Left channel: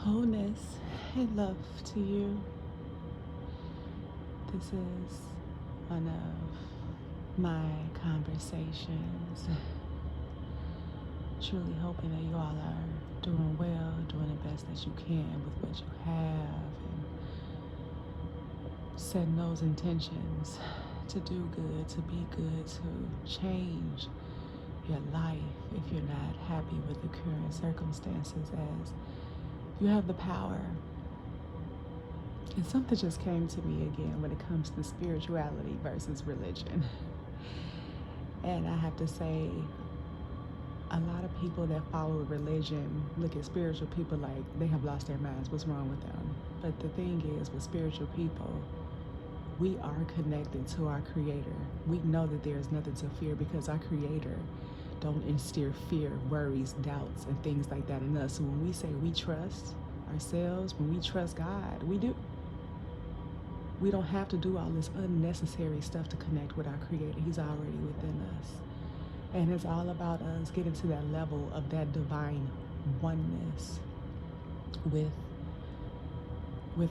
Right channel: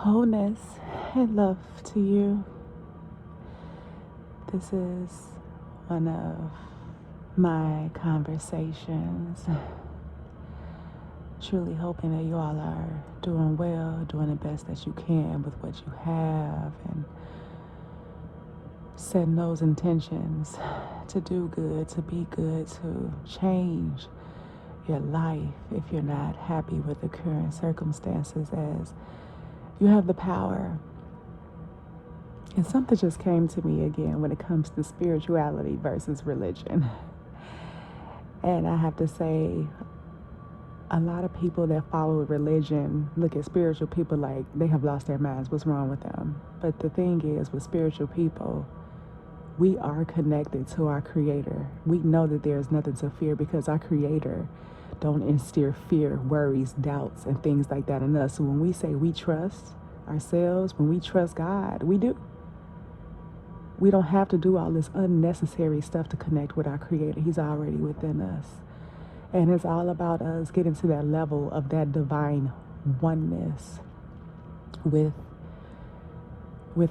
Wholeness and love to you. This is one of my conversations. Truly hoping that you all are doing well, doing the best that you can with what you have, and setting those intentions to do good, to be good, to change your life if you're not happy with the current circumstances, as you have the power. And something just came to me again when it comes to spirituality versus religion. And I have to say, a lot of people that follow religion look at spiritual people like they have lost their minds. What's wrong with them? But the thing is, with spiritual people, we are connected to our Creator. We know that there is nothing to fear because our Creator don't instill fear, worries, doubts, and things like that in us. So when we say we trust ourselves, when we trust God, we do. We don't have to do all this unnecessary stuff to connect with our Creator. He's already within us. And it's all about us getting to that level of that divine oneness with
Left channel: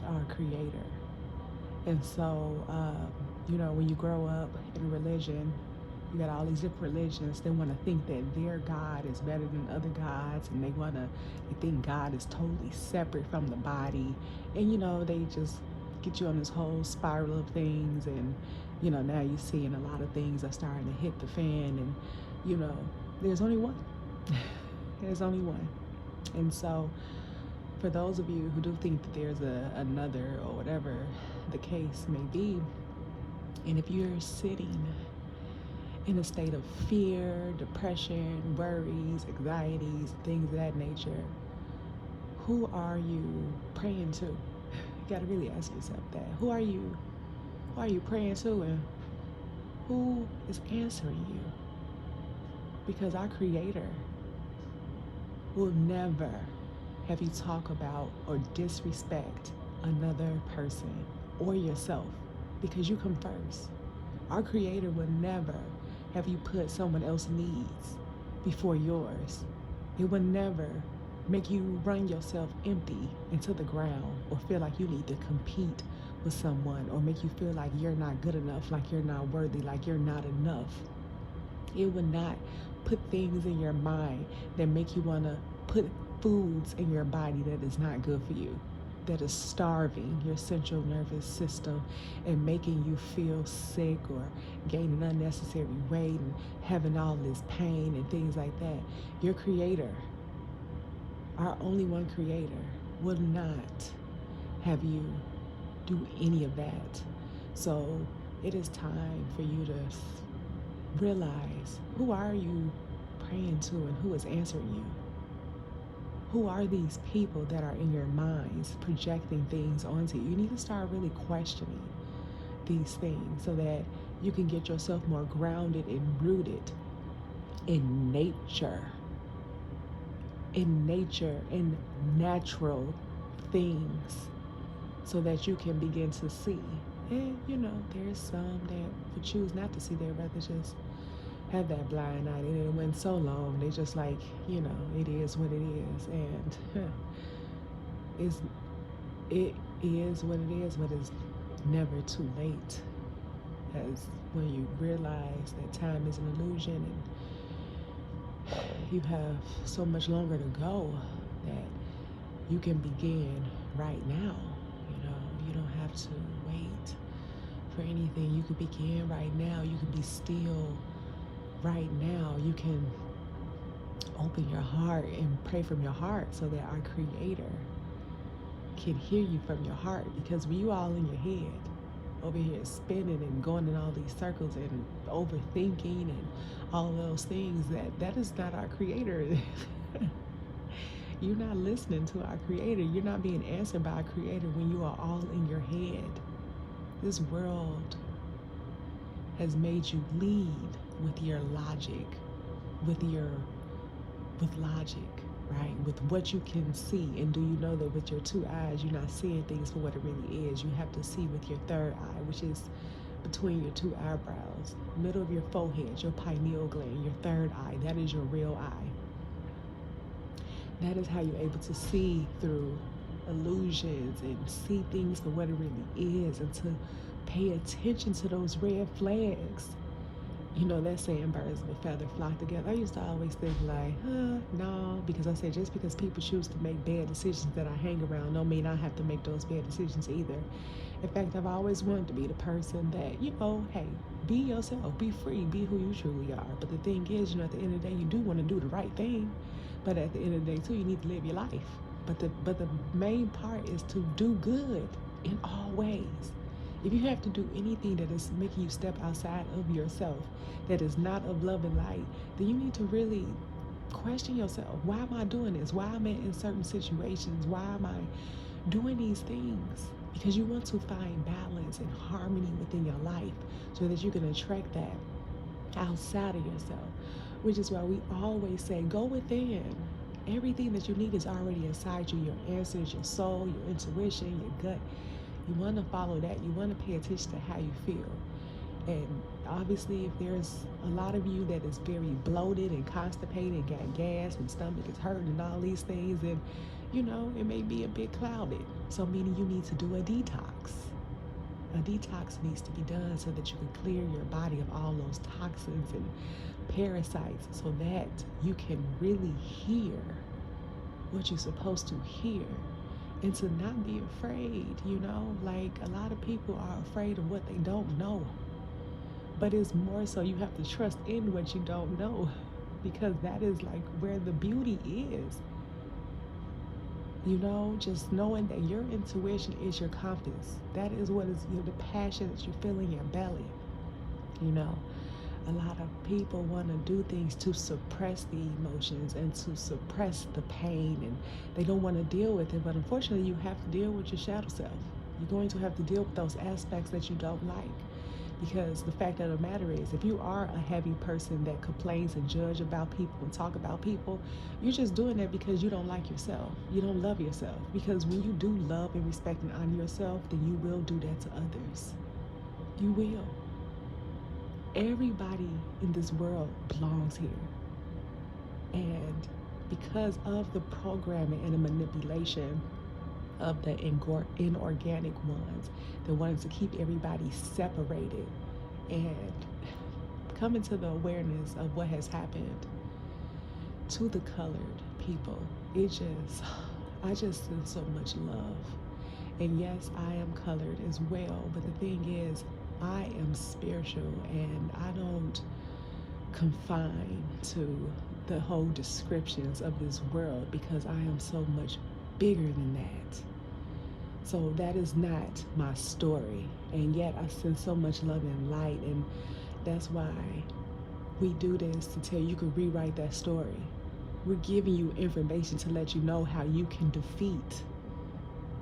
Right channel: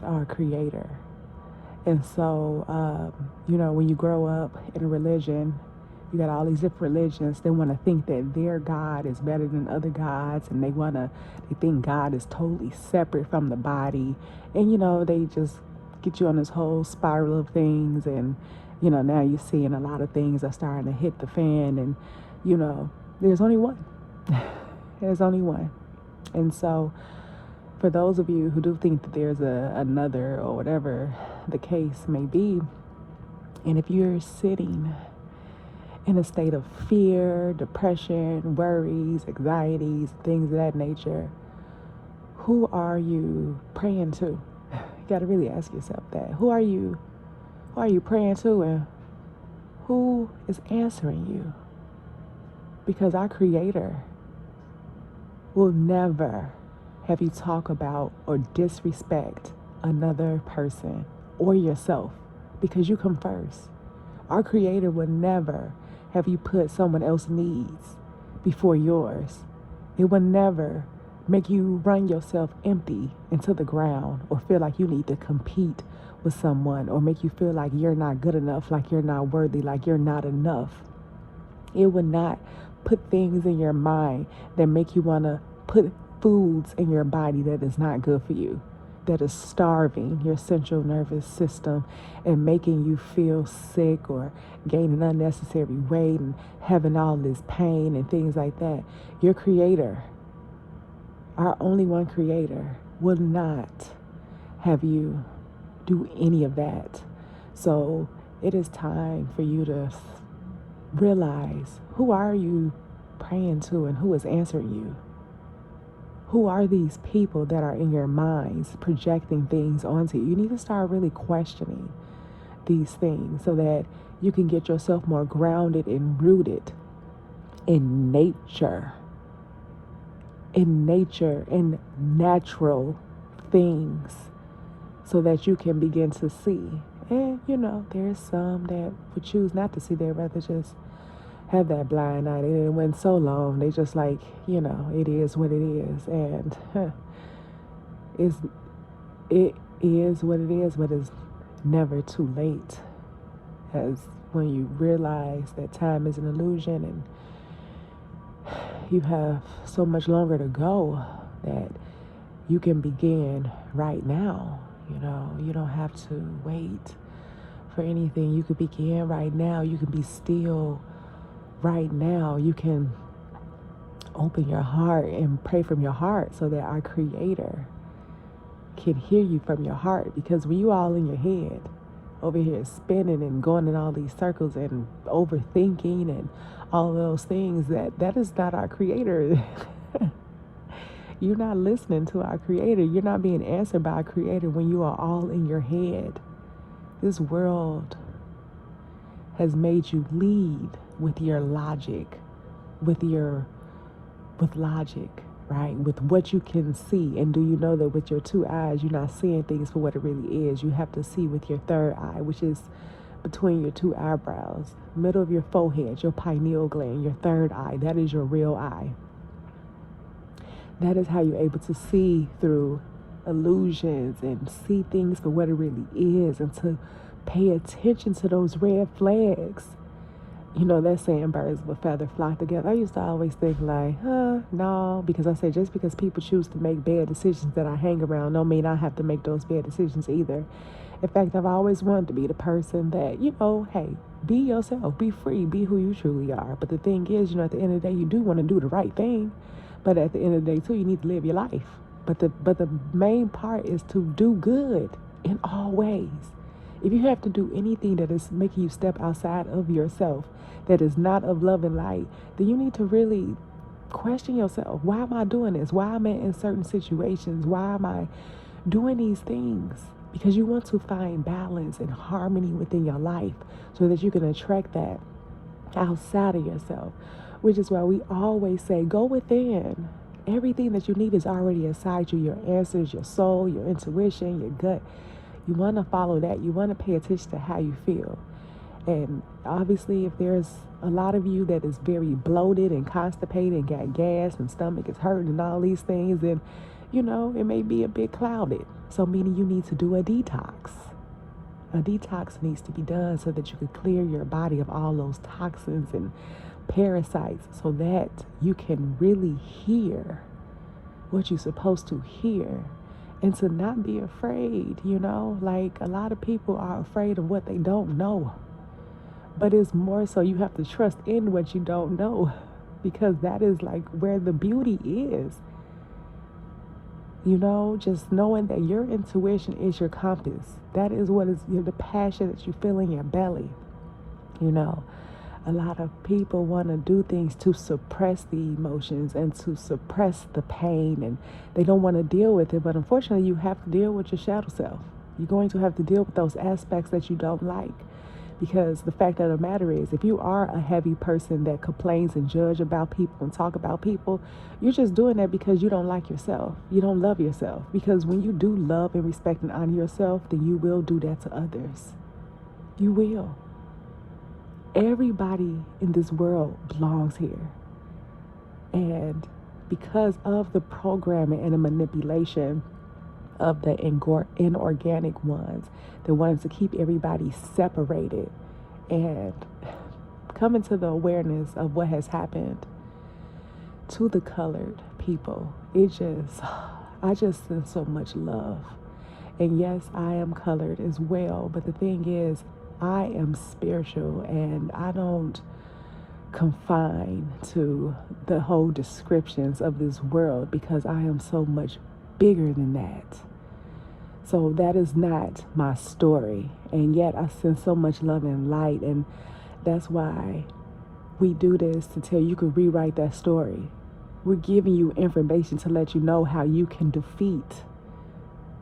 our Creator. And so, when you grow up in a religion, you got all these different religions. They want to think that their God is better than other gods, and they think God is totally separate from the body. And they just get you on this whole spiral of things. And now you're seeing a lot of things are starting to hit the fan. And there's only one. There's only one. And so, for those of you who do think that there's another, or whatever the case may be, and if you're sitting in a state of fear, depression, worries, anxieties, things of that nature, who are you praying to? You got to really ask yourself that. Who are you praying to, and who is answering you? Because our Creator will never have you talk about or disrespect another person or yourself, because you come first. Our Creator will never have you put someone else's needs before yours. It will never make you run yourself empty into the ground, or feel like you need to compete with someone, or make you feel like you're not good enough, like you're not worthy, like you're not enough. It will not put things in your mind that make you want to put foods in your body that is not good for you, that is starving your central nervous system and making you feel sick, or gaining unnecessary weight and having all this pain and things like that. Your Creator, our only one Creator, will not have you do any of that. So it is time for you to realize, who are you praying to, and who is answering you? Who are these people that are in your minds projecting things onto you? You need to start really questioning these things so that you can get yourself more grounded and rooted in nature, in natural things, so that you can begin to see. And there's some that would choose not to see. They'd rather just have that blind eye. It went so long. They just like, it is what it is. And it is what it is, but it's never too late. As when you realize that time is an illusion, and you have so much longer to go, that you can begin right now. You don't have to wait for anything. You can begin right now. You can be still right now. You can open your heart and pray from your heart, so that our Creator can hear you from your heart. Because when you all in your head, over here spinning and going in all these circles and overthinking and all of those things, that is not our Creator. You're not listening to our Creator. You're not being answered by our Creator when you are all in your head. This world has made you lead with your logic, with logic, right? With what you can see. And do you know that with your two eyes, you're not seeing things for what it really is? You have to see with your third eye, which is between your two eyebrows, middle of your forehead, your pineal gland, your third eye. That is your real eye. That is how you're able to see through illusions and see things for what it really is, and to pay attention to those red flags. You know, that saying birds of a feather flock together. I used to always think like, no, because I said just because people choose to make bad decisions that I hang around don't mean I have to make those bad decisions either. In fact, I've always wanted to be the person that, hey, be yourself, be free, be who you truly are. But the thing is, at the end of the day, you do want to do the right thing. But at the end of the day, too, you need to live your life. But the main part is to do good in all ways. If you have to do anything that is making you step outside of yourself, that is not of love and light, then you need to really question yourself. Why am I doing this? Why am I in certain situations? Why am I doing these things? Because you want to find balance and harmony within your life so that you can attract that outside of yourself. Which is why we always say, go within. Everything that you need is already inside you. Your answers, your soul, your intuition, your gut. You want to follow that. You want to pay attention to how you feel. And obviously, if there's a lot of you that is very bloated and constipated and got gas and stomach is hurting and all these things, then, it may be a bit clouded. So meaning you need to do a detox. A detox needs to be done so that you can clear your body of all those toxins and parasites so that you can really hear what you're supposed to hear. And to not be afraid, like a lot of people are afraid of what they don't know. But it's more so you have to trust in what you don't know, because that is like where the beauty is. Just knowing that your intuition is your compass. That is what is the passion that you feel in your belly. A lot of people want to do things to suppress the emotions and to suppress the pain, and they don't want to deal with it. But unfortunately, you have to deal with your shadow self. You're going to have to deal with those aspects that you don't like. Because the fact of the matter is, if you are a heavy person that complains and judge about people and talk about people, you're just doing that because you don't like yourself. You don't love yourself. Because when you do love and respect and honor yourself, then you will do that to others. You will. Everybody in this world belongs here. And because of the programming and the manipulation of the inorganic ones, they wanted to keep everybody separated, and coming to the awareness of what has happened to the colored people. I just send so much love. And yes, I am colored as well, but the thing is, I am spiritual, and I don't confine to the whole descriptions of this world, because I am so much bigger than that. So that is not my story. And yet I send so much love and light. And that's why we do this, to tell you can rewrite that story. We're giving you information to let you know how you can defeat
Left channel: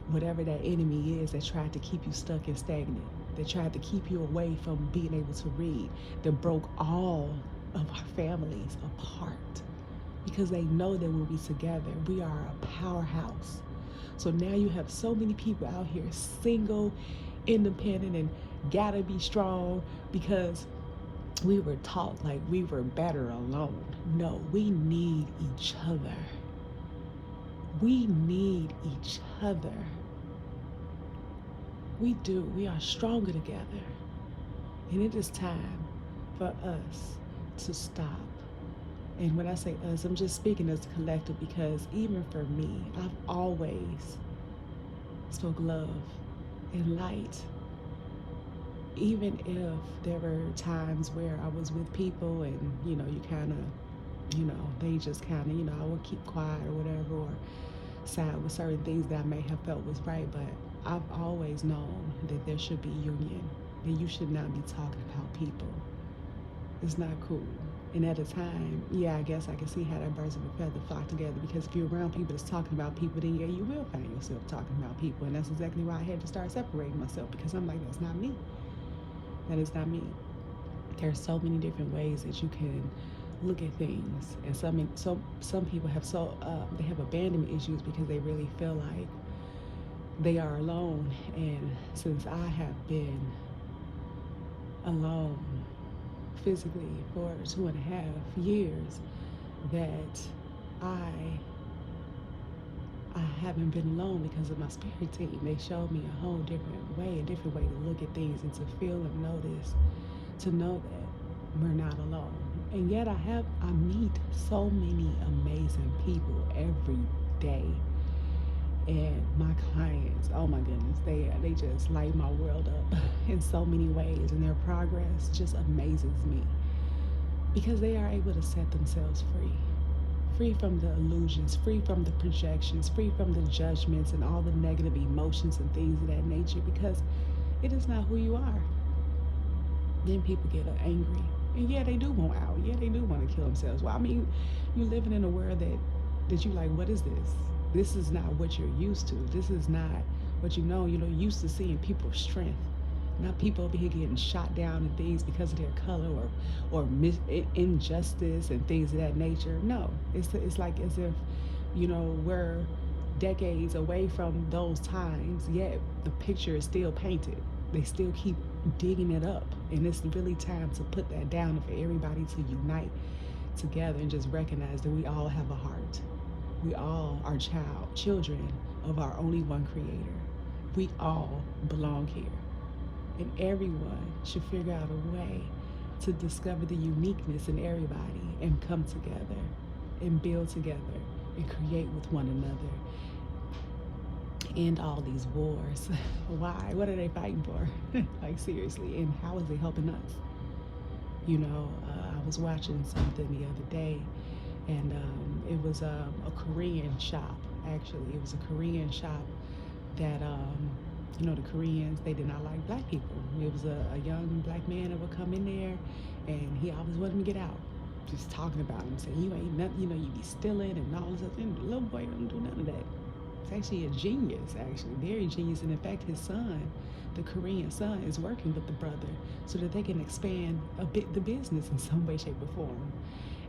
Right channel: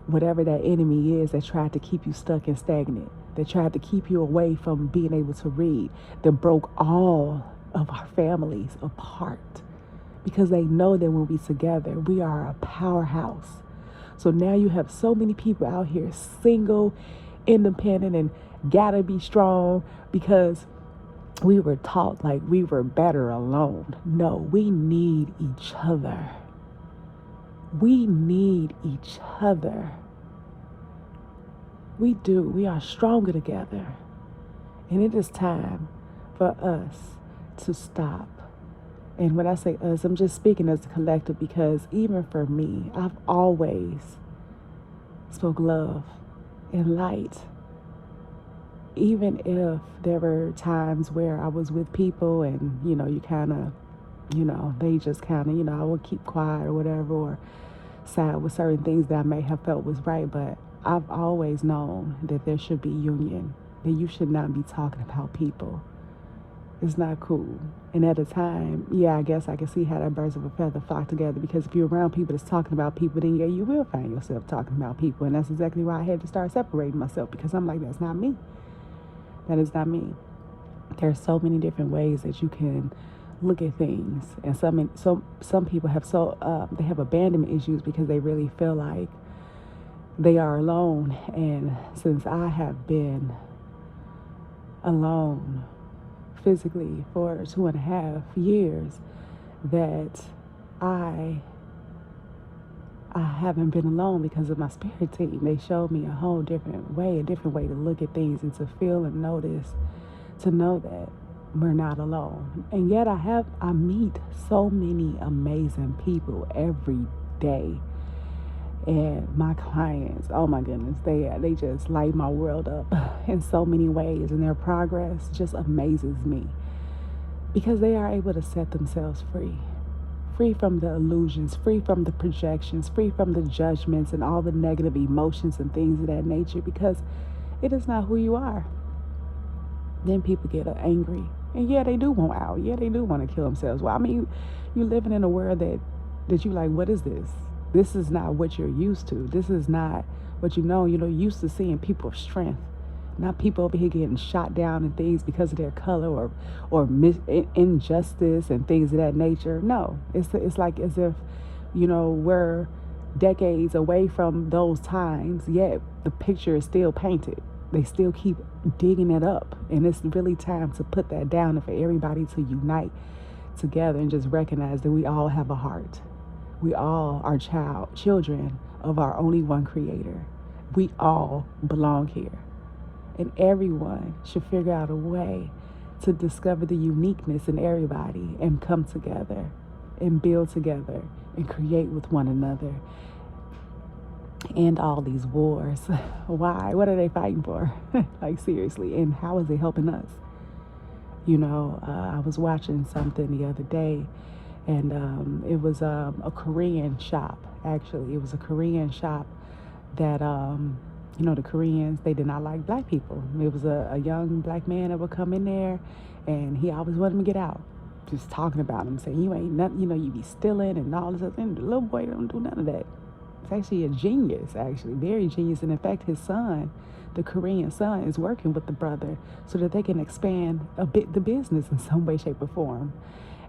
whatever that enemy is that tried to keep you stuck and stagnant, that tried to keep you away from being able to read, that broke all of our families apart. Because they know that when we're together, we are a powerhouse. So now you have so many people out here single, independent, and gotta be strong because we were taught like we were better alone. No, we need each other. We need each other. We do. We are stronger together. And it is time for us to stop. And when I say us, I'm just speaking as a collective, because even for me, I've always spoke love and light. Even if there were times where I was with people and, you kind of, they just kind of, I would keep quiet or whatever, or side with certain things that I may have felt was right. But I've always known that there should be union, that you should not be talking about people. It's not cool. And at the time, I guess I can see how that birds of a feather flock together, because if you're around people that's talking about people, then you will find yourself talking about people. And that's exactly why I had to start separating myself, because I'm like, that's not me. That is not me. There's so many different ways that you can look at things. And some people have they have abandonment issues because they really feel like they are alone. And since I have been alone physically for 2.5 years, that I haven't been alone because of my spirit team. They showed me a whole different way to look at things and to feel and notice, to know that we're not alone. And yet I meet so many amazing people every day. And my clients, oh my goodness, they just light my world up in so many ways, and their progress just amazes me because they are able to set themselves free from the illusions, free from the projections, free from the judgments and all the negative emotions and things of that nature, because it is not who you are. Then people get angry, and yeah, they do want out. Yeah, they do want to kill themselves. Well, I mean, you're living in a world that you like, what is this? This is not what you're used to. This is not what you know. You're used to seeing people of strength, not people over here getting shot down and things because of their color or injustice and things of that nature. No, it's like as if, we're decades away from those times, yet the picture is still painted. They still keep digging it up, and it's really time to put that down and for everybody to unite together and just recognize that we all have a heart. We all are children of our only one creator. We all belong here. And everyone should figure out a way to discover the uniqueness in everybody and come together and build together and create with one another. And all these wars. Why? What are they fighting for? Like, seriously. And how is it helping us? I was watching something the other day, and it was a Korean shop. Actually, it was a Korean shop that the Koreans, they did not like black people. It was a young black man that would come in there, and he always wanted him to get out, just talking about him, saying you ain't nothing, you be stealing and all this stuff. And the little boy don't do none of that. It's actually a genius, actually very genius. And in fact, his son, the Korean son, is working with the brother so that they can expand a bit the business in some way, shape, or form.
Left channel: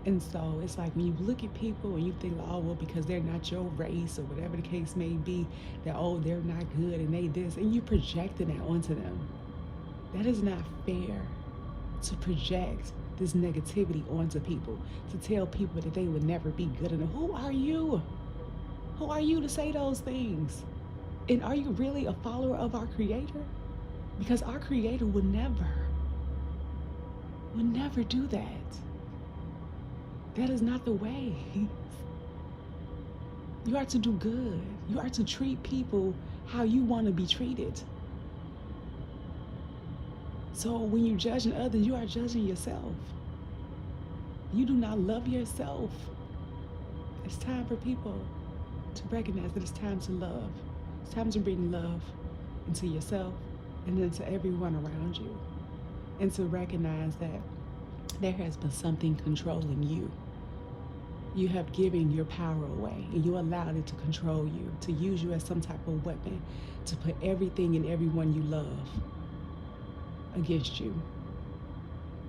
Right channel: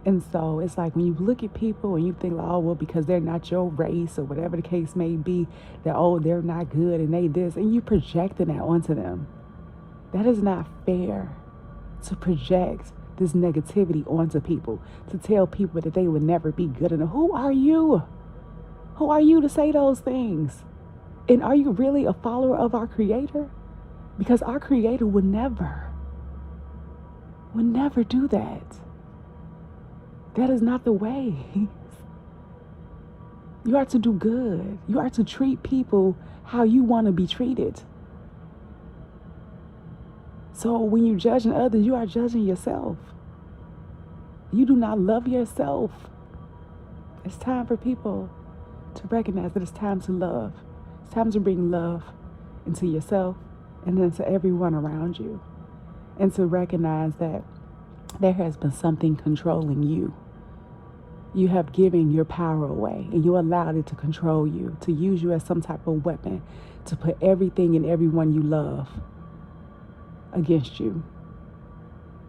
And so it's like when you look at people and you think, oh, well, because they're not your race or whatever the case may be, that, oh, they're not good and they this, and you projecting that onto them. That is not fair, to project this negativity onto people, to tell people that they would never be good enough. Who are you? Who are you to say those things? And are you really a follower of our Creator? Because our Creator would never do that. That is not the way. You are to do good. You are to treat people how you want to be treated. So when you're judging others, you are judging yourself. You do not love yourself. It's time for people to recognize that it's time to love. It's time to bring love into yourself and into everyone around you. And to recognize that there has been something controlling you. You have given your power away, and you allowed it to control you, to use you as some type of weapon, to put everything and everyone you love against you.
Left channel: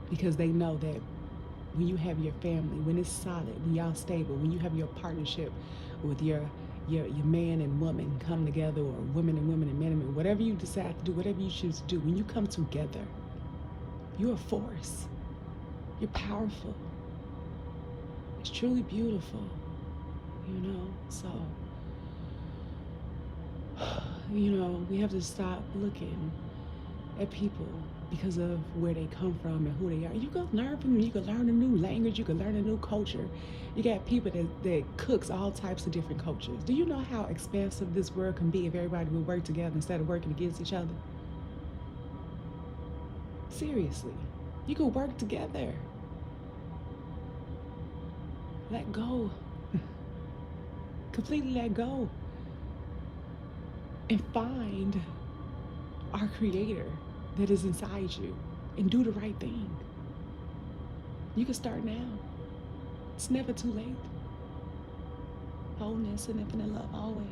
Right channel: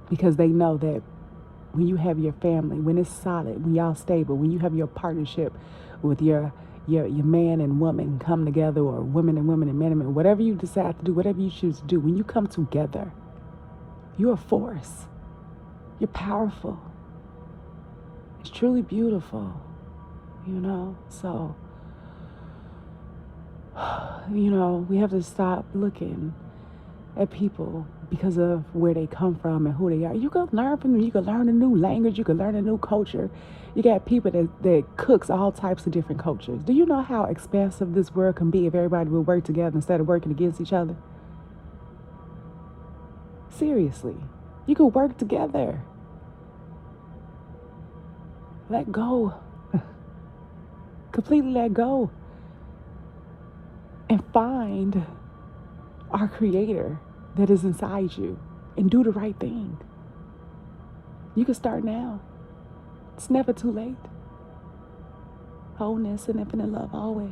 Because they know that when you have your family, when it's solid, when y'all stable, when you have your partnership with your man and woman come together, or women and women and men and men, whatever you decide to do, whatever you choose to do, when you come together, you're a force. You're powerful. It's truly beautiful, so, we have to stop looking at people because of where they come from and who they are. You can learn from them. You can learn a new language. You can learn a new culture. You got people that cooks all types of different cultures. Do you know how expansive this world can be if everybody would work together instead of working against each other? Seriously, you could work together. Let go. Completely let go. And find our Creator that is inside you and do the right thing. You can start now. It's never too late. Wholeness and infinite love always.